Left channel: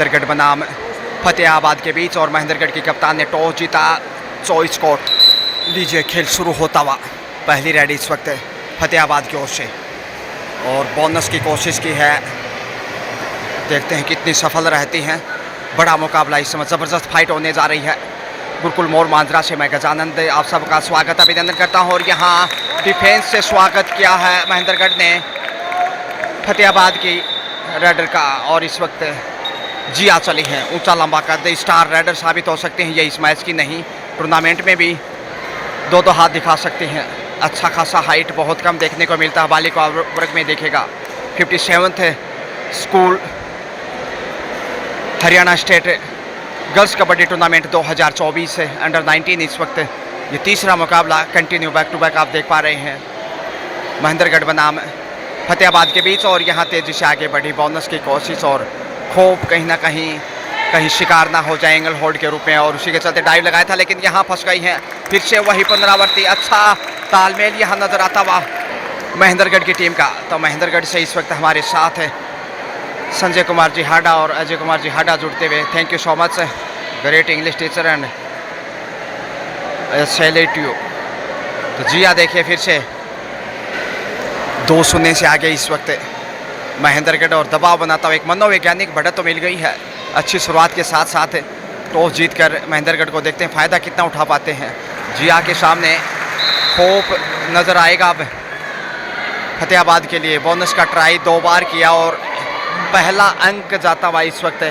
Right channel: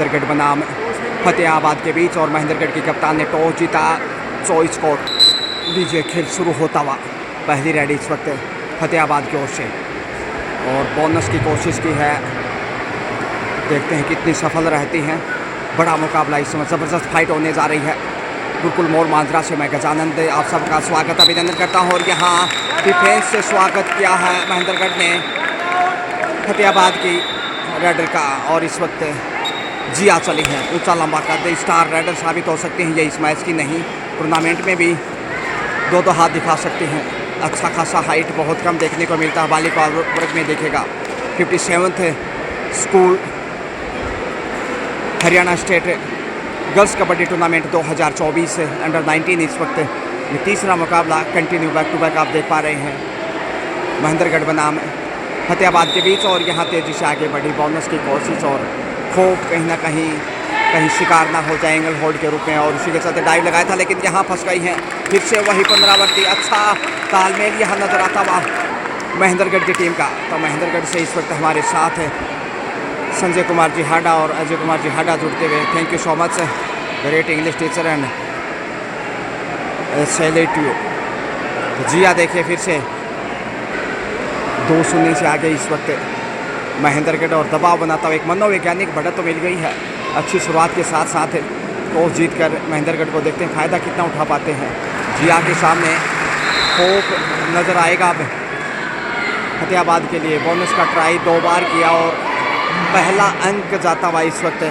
महेंद्रगढ़ बनाम फतेहाबाद के बीच, और महेंद्रगढ़ की कप्तान ने टॉस जीता। चॉइस कोर्ट लीजिए, खेल शुरू होता हुआ। पहली रेड इस वक्त फतेहाबाद की ओर से, और बोनस की कोशिश की है। देखते हैं कितनी सफल रहती हैं। बड़ा मुकाबला इस समय, ज़बरदस्त फाइट होने जा रही है। गुरुकुल मोड़ मांजरा से मैं गजानंद आप सबका स्वागत अभिनंदन करता हूं। और यहाँ डिफेंस से स्वागत किया है महेंद्रगढ़ ने फतेहाबाद की रेडर का, और इस वक्त जिया चली हैं। ऊंचा लंबा कद, स्टार रेडर साबित हो सकते हैं ये इस मैच की, नहीं टूर्नामेंट में भी दो हाथ दिखा सकते हैं। अच्छा खासा हाइट बहुत कम देखने को मिलता है बालिका वर्ग में, देखेगा 57th school Haryana state girls kabaddi tournament 2024 under 19 इस वक्त ये तीसरा मुकाबला कंटिन्यू बैक टू बैक आप देख पा रहे हैं। महेंद्रगढ़ बनाम फतेहाबाद के बीच, और यहाँ तेज़ी से आगे बढ़ी बोनस की कोशिश, और खोप कहीं ना कहीं शिकार ना हो जाए एंगल होल्ड के रूप में, और उसी के चलते डाइव लगाया था लेकिन यहाँ फंस गई हैं। फिर से वही पुनरावृत्ति। अच्छा तालमेल यहाँ नज़र आता हुआ महेंद्रगढ़ की टीम का। तो महेंद्रगढ़ से इस वक्त हमारे साथ है संजय कुमार जी हाडा और अजय कुमार जी हाडा जुड़ते हुए। Thank you so much, great English teacher and salute you. तो जिया देखिए फिर से 2-0 से आगे इस वक्त महेंद्रगढ़, और दबाव बनाता हुआ एक मनोवैज्ञानिक बढ़त तो मिल गई है। अच्छी शुरुआत के साथ साथ टॉस जीतकर महेंद्रगढ़ को देखते हैं फ़ायदा कितना उठा पाते हैं। जिया के सामने होप नज़र आएगा अब फतेहाबाद के लिए। बोनस का ट्राई 2 बार किया, और पहला अंक जाता हुआ इस वक्त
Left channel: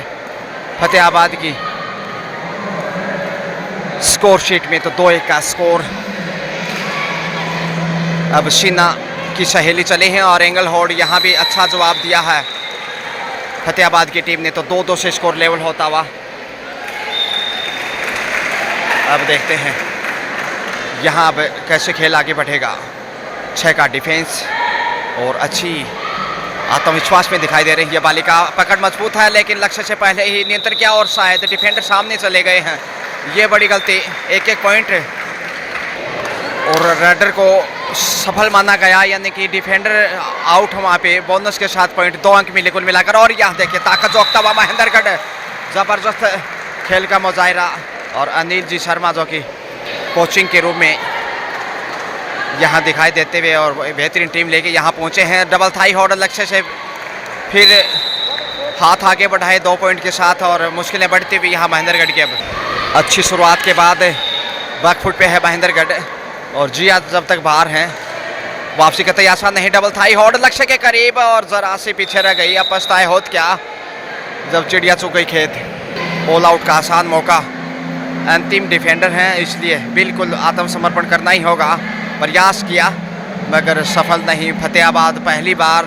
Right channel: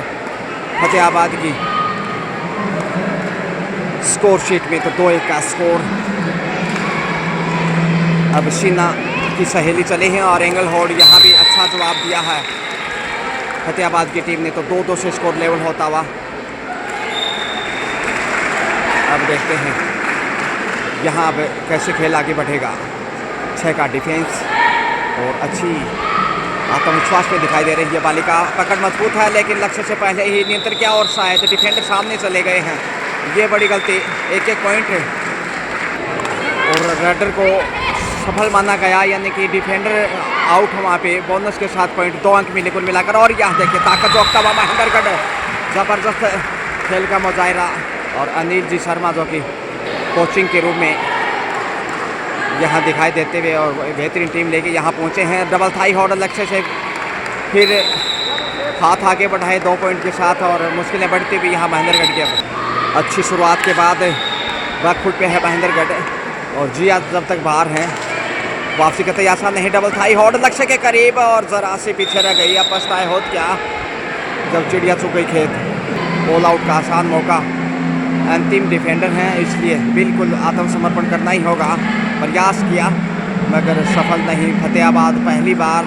फतेहाबाद की स्कोर शीट में। तो 2-1 का स्कोर। अब शीना की सहेली चले हैं, और एंगल होल्ड यहाँ भी अच्छा जवाब दिया है फतेहाबाद की टीम ने। तो 2-2 से स्कोर लेवल होता हुआ। अब देखते हैं यहाँ अब कैसे खेल आगे बढ़ेगा। 6 का डिफेंस, और अच्छी आत्मविश्वास में दिखाई दे रही है बालिका। पकड़ मजबूत है लेकिन लक्ष्य से पहले ही नियंत्रण किया, और शायद डिफेंडर सामने चले गए हैं। ये बड़ी गलती, 1-1 पॉइंट, और रेडर को सफल माना गया, यानी कि डिफेंडर आउट वहाँ पे। बोनस के साथ पॉइंट 2 अंक मिले कुल मिलाकर। और यहाँ देखिए ताकत जोकता हुआ महेंद्रगढ़, ज़बरदस्त खेल का मुजाहिरा। और अनिल जी शर्मा जो कि कोचिंग के रूप में यहाँ दिखाई देते हुए और बेहतरीन टीम लेके यहाँ पहुँचे हैं। डबल थाई होल्ड लक्ष्य से फिर हाथ आगे बढ़ाए 2 पॉइंट के साथ, और मुश्किलें बढ़ती हुई यहाँ महेंद्रगढ़ के। अच्छी शुरुआत के बाद बैकफुट पे है महेंद्रगढ़, और जिया जब तक बाहर हैं वापसी का तैयार आसान नहीं। डबल थाई होल्ड लक्ष्य के करीब, और ज़रा से पीछे रह गई। अब पछताए होत क्या जब चिड़िया चुक गई खेत। ऑल आउट का आसान मौका। अंतिम डिफेंडर हैं, इसलिए बिल्कुल आत्मसमर्पण करना ही होगा। प्रयास किया मगर सफल नहीं। फतेहाबाद पहली बार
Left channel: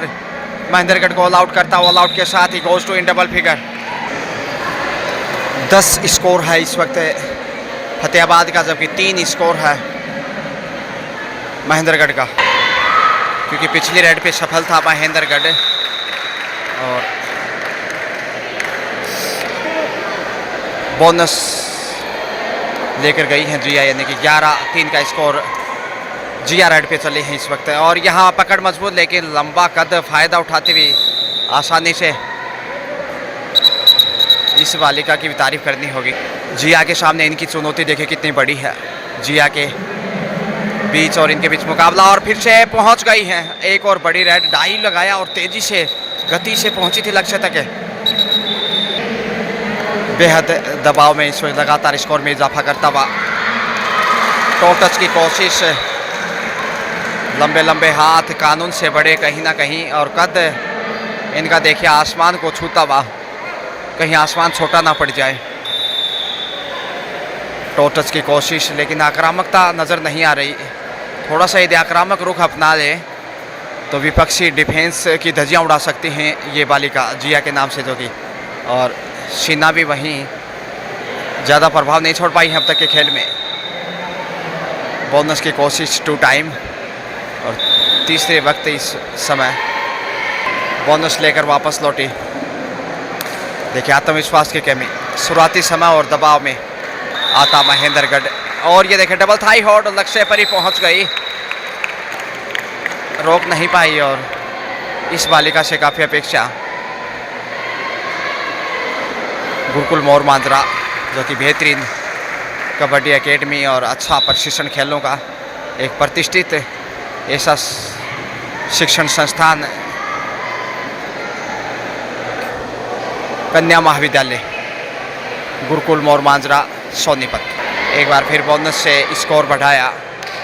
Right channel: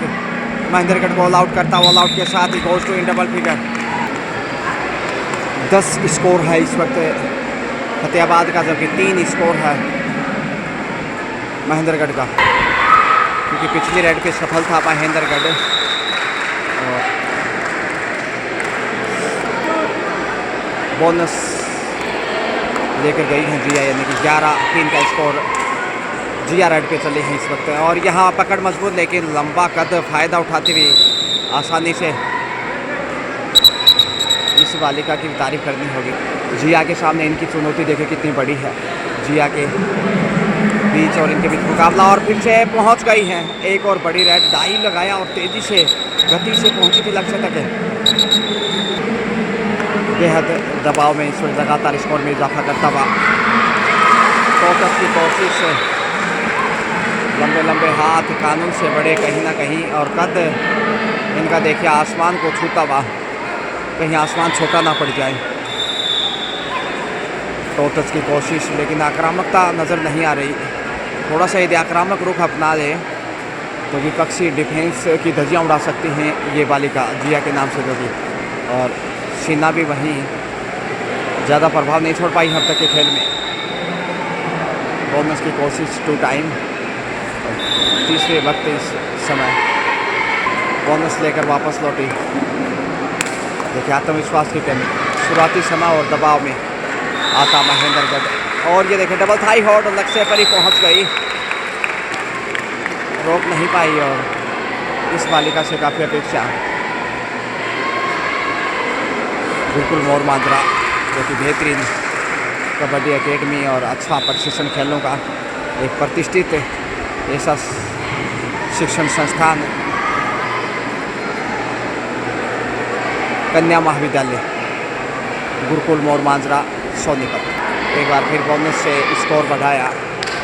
महेंद्रगढ़ को ऑल आउट करता। ऑल आउट के साथ ही goes to in double figure. 10 score है इस वक्त फतेहाबाद का, जबकि 3 स्कोर है महेंद्रगढ़ का, क्योंकि पिछली रेड पे सफल था महेंद्रगढ़। और बोनस लेकर गई हैं जिया, यानी कि 11-3 का स्कोर जिया रेड पे चले हैं इस वक्त। और यहाँ पकड़ मजबूत लेकिन लंबा कद फ़ायदा उठाते हुए आसानी से इस बालिका की भी तारीफ करनी होगी। जिया के सामने इनकी चुनौती देखें कितनी बड़ी है। जिया के बीच और इनके बीच मुकाबला, और फिर से पहुंच गई हैं। एक और बड़ी रेड, डाइव लगाया और तेज़ी से गति से पहुंची थी लक्ष्य तक। बेहद दबाव में इस वक्त लगातार स्कोर में इजाफा करता हुआ। टो टच की कोशिश, लंबे लंबे हाथ कानून से बड़े कहीं ना कहीं, और कद इनका देखिए आसमान को छूता हुआ, कहीं आसमान छोटा ना पड़ जाए। टो टच की कोशिश, लेकिन आक्रामकता नज़र नहीं आ रही। थोड़ा सा यदि आक्रामक रुख अपना ले तो विपक्षी डिफेंस की धज्जियाँ उड़ा सकती हैं ये बालिका जिया के नाम से, जो कि। और शीना भी वहीं ज़्यादा प्रभाव नहीं छोड़ पाई अब तक के खेल में। बोनस की कोशिश 2 टाइम, और तीसरे वक्त इस समय बोनस लेकर वापस लौटी। देखिए आत्मविश्वास की कमी, शुरुआती समय और दबाव में आता महेंद्रगढ़। और ये देखिए डबल थाई होल्ड लक्ष्य पर ही पहुंच गई, रोक नहीं पाई। और इस बालिका से काफ़ी अपेक्षा गुरुकुल मोर मांजरा, जो कि बेहतरीन कबड्डी एकेडमी और अच्छा प्रशिक्षण खेलों का एक प्रतिष्ठित ऐसा शिक्षण संस्थान कन्या महाविद्यालय गुरुकुल मोर मांजरा सोनीपत। एक बार फिर बोनस से स्कोर बढ़ाया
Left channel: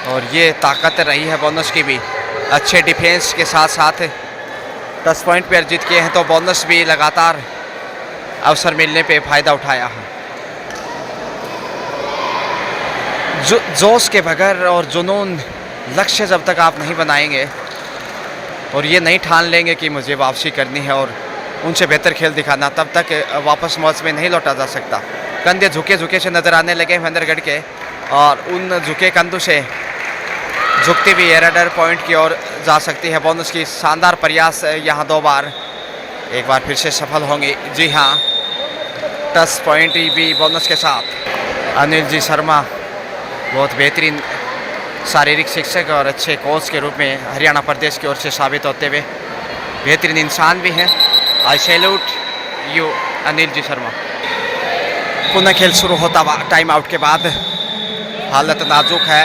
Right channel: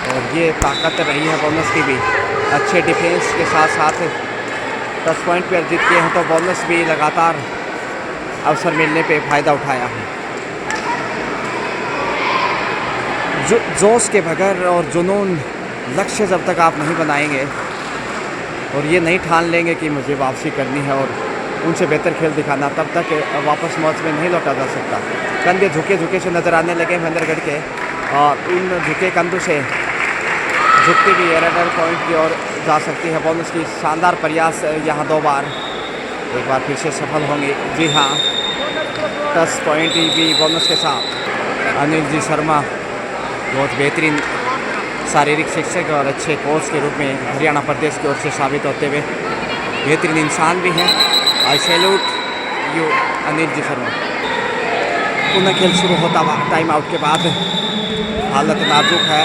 और ये ताकत रही है बोनस की भी। अच्छे डिफेंस के साथ साथ 10 पॉइंट पे अर्जित किए हैं, तो बोनस भी लगातार अवसर मिलने पे फ़ायदा उठाया है। जोश के बगैर और जुनून, लक्ष्य जब तक आप नहीं बनाएंगे और ये नहीं ठान लेंगे कि मुझे वापसी करनी है और उनसे बेहतर खेल दिखाना, तब तक वापस मैच में नहीं लौटा जा सकता। कंधे झुके झुके से नज़र आने लगे महेंद्रगढ़ के, और उन झुके कंधों से झुकती भी एरर पॉइंट की ओर जा सकती है। बोनस की शानदार प्रयास यहाँ 2 बार एक बार फिर से सफल होंगे। जी हाँ, 10 पॉइंट भी बोनस के साथ। अनिल जी शर्मा बहुत बेहतरीन शारीरिक शिक्षक और अच्छे कोच के रूप में हरियाणा प्रदेश की ओर से साबित होते हुए बेहतरीन इंसान भी हैं। आई सैल्यूट यू अनिल जी शर्मा। पुनः खेल शुरू होता हुआ टाइम आउट के बाद। हालत नाजुक है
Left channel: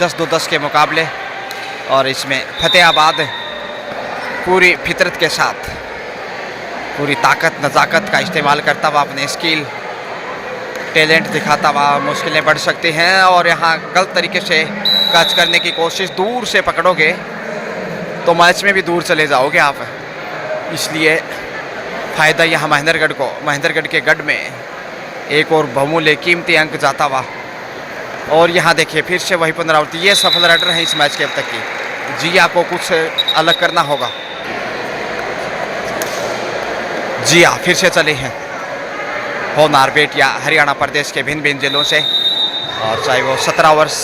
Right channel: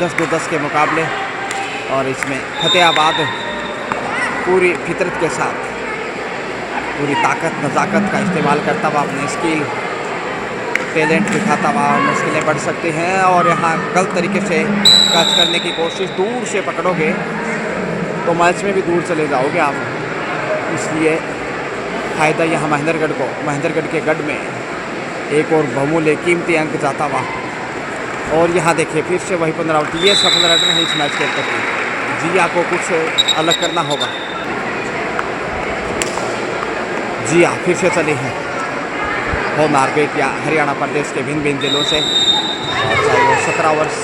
10-2-10 के मुकाबले, और इसमें फतेहाबाद पूरी फितरत के साथ पूरी ताकत नज़ाकत का इस्तेमाल करता हुआ अपने स्किल टैलेंट दिखाता हुआ मुश्किलें बढ़ सकती हैं। और यहाँ गलत तरीके से कैच करने की कोशिश, दूर से पकड़ोगे तो मैच में भी दूर चले जाओगे आप, इसलिए फ़ायदा यहाँ महेंद्रगढ़ के गढ़ में एक और बहुमूल्य कीमती अंक जाता हुआ। और यहाँ देखिए फिर से वही पुनरावृत्ति। ये सफल रनर है इस मैच के अब तक की। जी आपको कुछ अलग करना होगा। जी हाँ, फिर से चले हैं होनार बेटियाँ हरियाणा प्रदेश के भिन्न भिन्न जिलों से, और चाहे वो 17 वर्ष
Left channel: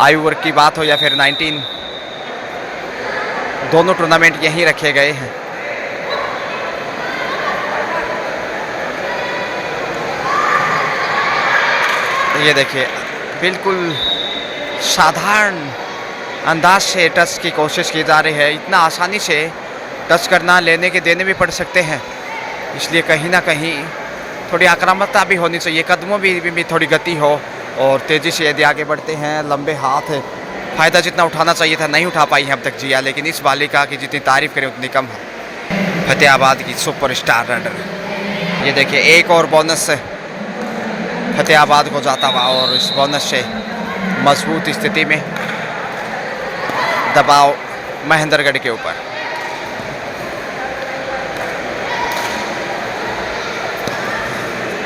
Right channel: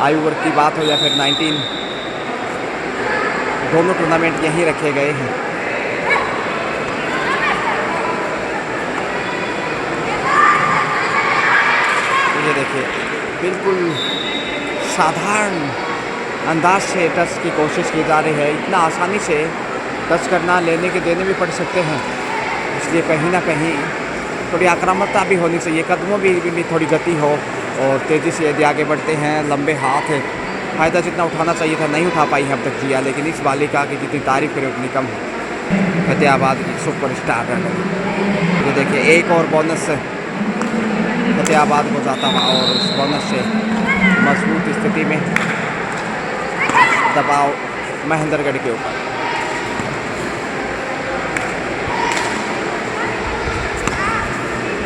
आयु वर्ग की बात हो या फिर 19, दोनों टूर्नामेंट यहीं रखे गए हैं। ये देखिए बिल्कुल साधारण अंदाज से टच की कोशिश की जा रही है। इतना आसानी से टच करना, लेने के देने भी पड़ सकते हैं, इसलिए कहीं ना कहीं थोड़ी आक्रामकता भी होनी चाहिए, कदमों भी थोड़ी गति हो, और तेज़ी से यदि आगे बढ़ते हैं लंबे हाथ, फ़ायदा जितना उठाना चाहिए था नहीं उठा पाई है अब तक जिया। लेकिन इस बालिका की जितनी तारीफ़ करें उतनी कम है। फतेहाबाद की सुपरस्टार रनर। ये देखिए एक और बोनस फतेहाबाद को जाता हुआ, और इस बोनस से मजबूत स्थिति में दबाव महेंद्रगढ़ के ऊपर।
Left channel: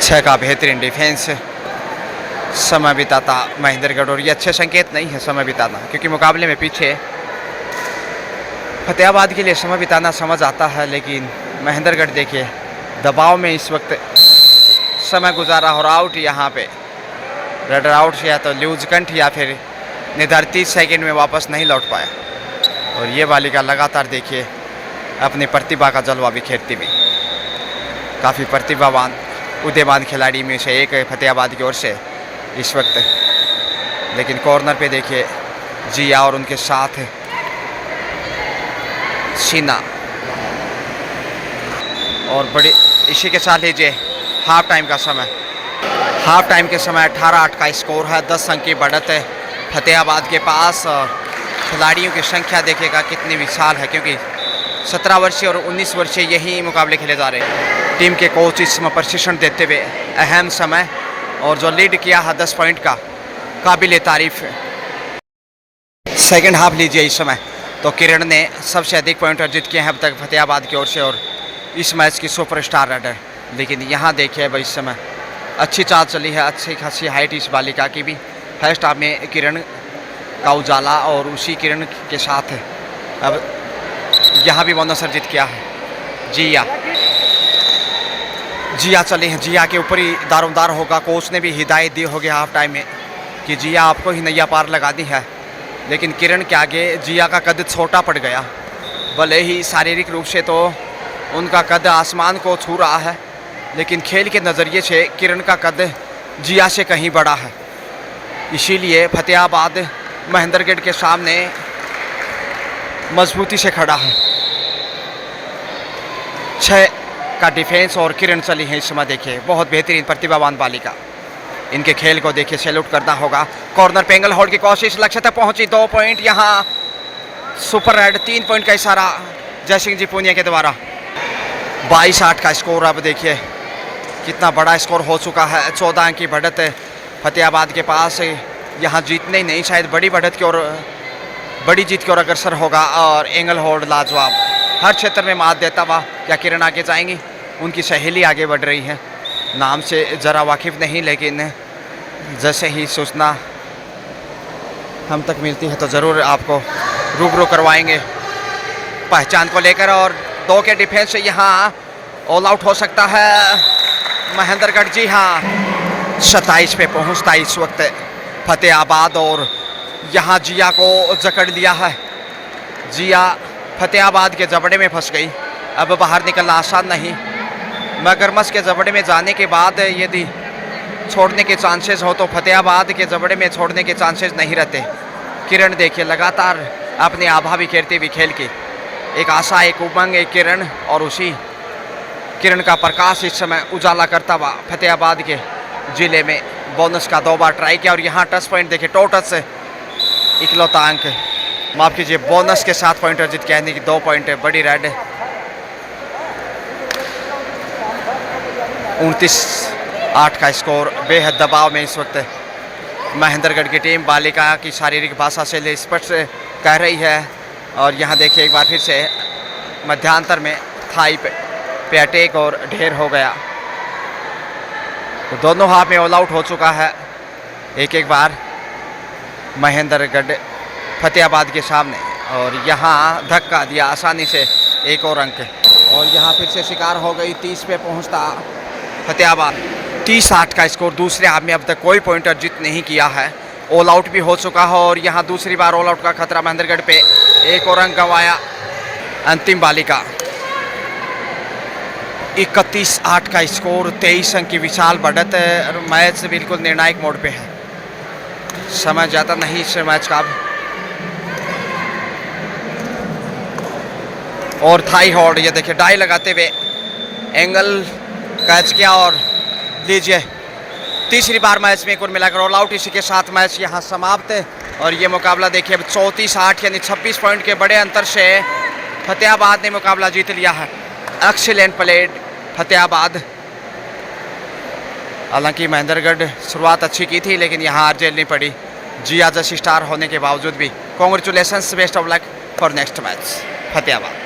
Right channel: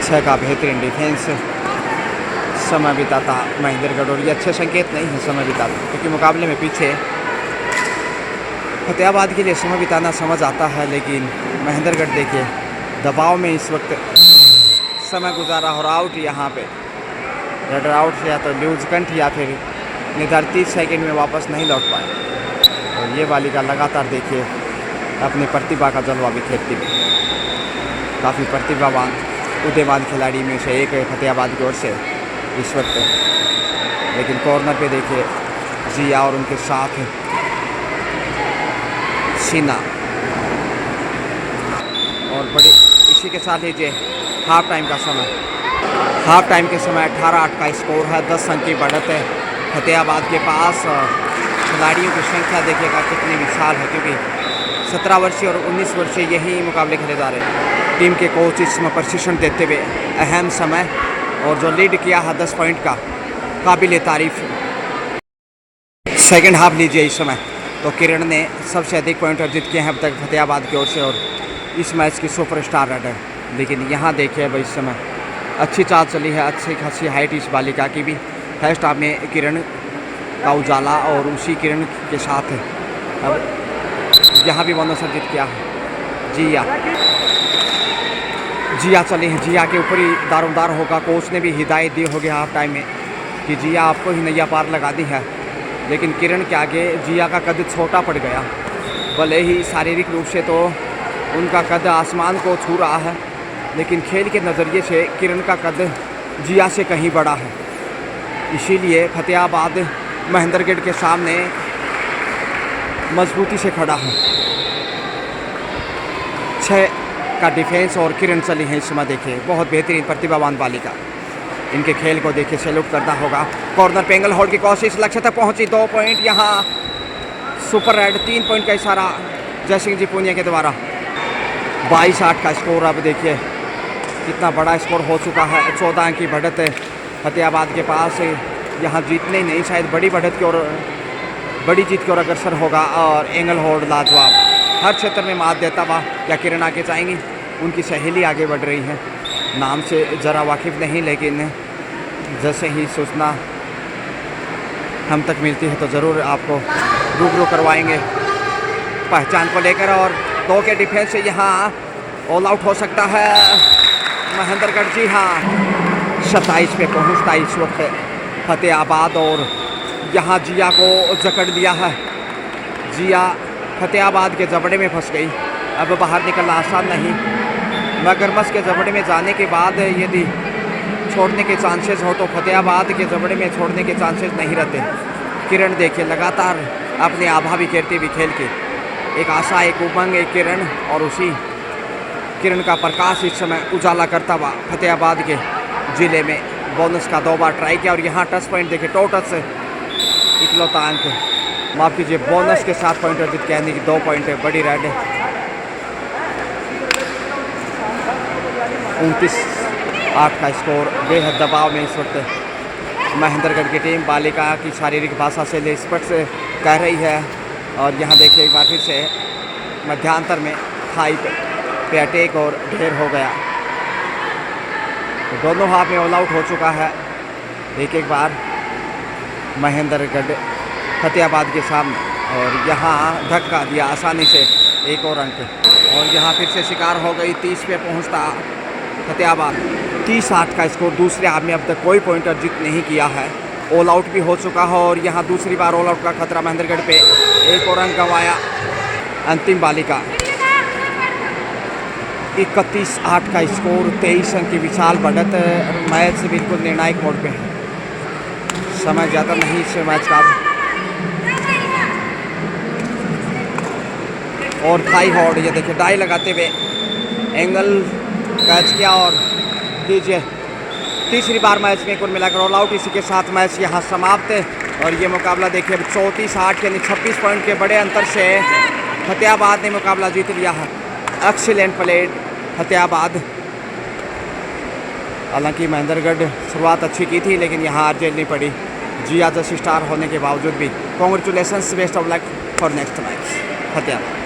छह का बेहतरीन डिफेंस, समय बिताता महेंद्रगढ़, और ये अच्छे संकेत नहीं है समय बिताना, क्योंकि मुकाबले में पीछे फतेहाबाद के लिए समय बिताना समझ आता है, लेकिन महेंद्रगढ़ देखिए दबाव में इस वक्त समय गुजारा और आउट यहाँ पे रनर आउट, या तो लूज कंठ या फिर निर्धारित 30 सेकेंड में वापस नहीं लौट पाए। और ये बालिका लगातार देखिए अपनी प्रतिभा का जलवा बिखेरती हुई, काफ़ी प्रतिभावान उदयमान खिलाड़ी में से एक है फतेहाबाद की ओर से इस वक्त। लेकिन कॉर्नर पे देखिए जिया और उनके साथ शीना, और बड़ी इसी के साथ लीजिए हाफ टाइम का समय। हाफ टाइम के समय 18-8 का स्कोर है, 10 अंक की बढ़त है फतेहाबाद के पास। खिलाड़ियों की संख्या देखिएगा कितनी विशाल है, क्योंकि 17 वर्षीय और 19 वर्षीय यही मुकाबले खेले जा रहे हैं। टीम के कोच इसमें प्रशिक्षण देते हुए अहम समय, और जो लीड किया है 10 पॉइंट का, काबिल तारीफ। सेकंड हाफ लीजिए इस समय तो किरण ने सबसे अधिक पॉइंट अर्जित किए हैं अब तक फतेहाबाद की ओर से, और इस मैच की सुपरस्टार रनर। लेकिन यहाँ देखिए भाई इस समय अच्छी चाल चली है, अच्छी खासी हाइट इस बालिका की भी। फर्स्ट हाफ में किरण का उजाला, और उसी किरण के साथ अब यहाँ भी बोनस अर्जित किया है जिया चले हैं। जिया के ऊपर ही दारोमदार होगा। कोच ने भी हिदायत दी होगी हाफ टाइम में कि जिया आपको ही नैया पार लगानी है, लेकिन किरण के आगे जिया का कद छोटा पड़ गया। भले ही शारीरिक रूप से तो उनका कद आसमान को छू रहा है, लेकिन खेल के नज़रिए से किरण का कद जिया से कहीं बड़ा है। इसीलिए फतेहाबाद महेंद्रगढ़ के सामने मजबूती से खड़ा है। 6 का डिफेंस और किरण चली है इस समय। देखिए बहुत बेहतरीन प्रतिभावान बालिका, इनके खेल को देखिए सैल्यूट करना होगा। कॉर्नर पे एंगल होल्ड की कोशिश, लक्ष्य तक पहुंची, 2 पॉइंट यहाँ सुपर रेड। 3 पॉइंट का इशारा जयसिंह जी पूनिया के द्वारा। 22-8 का स्कोर। अब देखिए कितना बड़ा स्कोर हो चुका है। 14 अंक की बढ़त फतेहाबाद के पास। यहाँ जीतने ही नहीं, शायद बड़ी बढ़त की ओर, बड़ी जीत की ओर अग्रसर होगा। और एंगल होल्ड लाजवाब, हर क्षेत्र में मात देता हुआ। क्या किरण आगे जाएंगी? उनकी सहेली आगे बढ़ रही है। नाम से ज़रा वाकिफ़ नहीं, लेकिन जैसे ही सूचना हम तक मिलती है तो ज़रूर आपको रूबरू करवाएंगे पहचान को लेकर। और 2 के डिफेंस से यहाँ ऑल आउट हो सकता है महेंद्रगढ़। जी हाँ, 27 पे पहुँचता इस वक्त फतेहाबाद। और यहाँ जिया को जकड़ लिया है। जिया फतेहाबाद के जबड़े में फंस गई। अब बाहर निकलना आसान नहीं। मगरमच्छ के जबड़े में जाने के बाद यदि छोड़ने के चांसेस हो तो फतेहाबाद के जबड़े में छोड़ने के चांसेस नहीं रहते। किरण देखिए लगातार अपने आभा बिखेरती हुई खेल की, एक आशा, एक उमंग, एक किरण, और उसी किरण का प्रकाश इस समय उजाला करता हुआ फतेहाबाद के ज़िले में बोनस का 2 बार ट्राई किया। और यहाँ टच पॉइंट देखिए, टोटल से इकलौता अंक, माफ़ कीजिए, बोनस के 7 पॉइंट अर्जित किया, यानी कि 2 पॉइंट है। बड़ी रेड 29-8 का स्कोर। बेहद दबाव में इस वक्त महेंद्रगढ़ की टीम बालिका की शारीरिक भाषा से स्पष्ट कह रही है। और यहाँ देखिए एक बार फिर से मध्यांतर में थाई पे अटैक और ढेर हो गया। तो दोनों हाथ में ऑल आउट हो चुका है एक बार महेंद्रगढ़ फतेहाबाद के सामने। और यहाँ धक्का दिया आसानी से, 1 और अंक। और यहाँ फिर से शिकार हो गई। 30 पे पहुँचता फतेहाबाद। 30-8 का स्कोर। दूसरे हाफ में अब तक कोई पॉइंट अर्जित नहीं किया है। ऑल आउट भी हो चुका है और यहाँ दूसरी बार ऑल आउट का खतरा महेंद्रगढ़ पे। 1 और अंक गंवाया अंतिम बालिका। 31-8 का स्कोर। 23 अंक की विशाल बढ़त। मैच बिल्कुल निर्णायक मोड पे है। समय ज़्यादा नहीं इस मैच का। और थाई हॉर्ड, ये देखिए डाई लगाते हुए एंगल कैच किया। और लीजिए तीसरी बार मैच में कुल मिलाकर ऑल आउट। इसी के साथ मैच यहाँ समाप्त है। और ये मुकाबला देखिए अब 34-8 यानी 26 पॉइंट के बड़े अंतर से फतेहाबाद ने मुकाबला जीत लिया है। Excellent played Fatehabad. हालांकि महेंद्रगढ़ शुरुआत अच्छी की थी, लेकिन यहाँ हार झेलनी पड़ी जिया जैसी स्टार होने के बावजूद भी। Congratulations, best of luck for next match Fatehabad.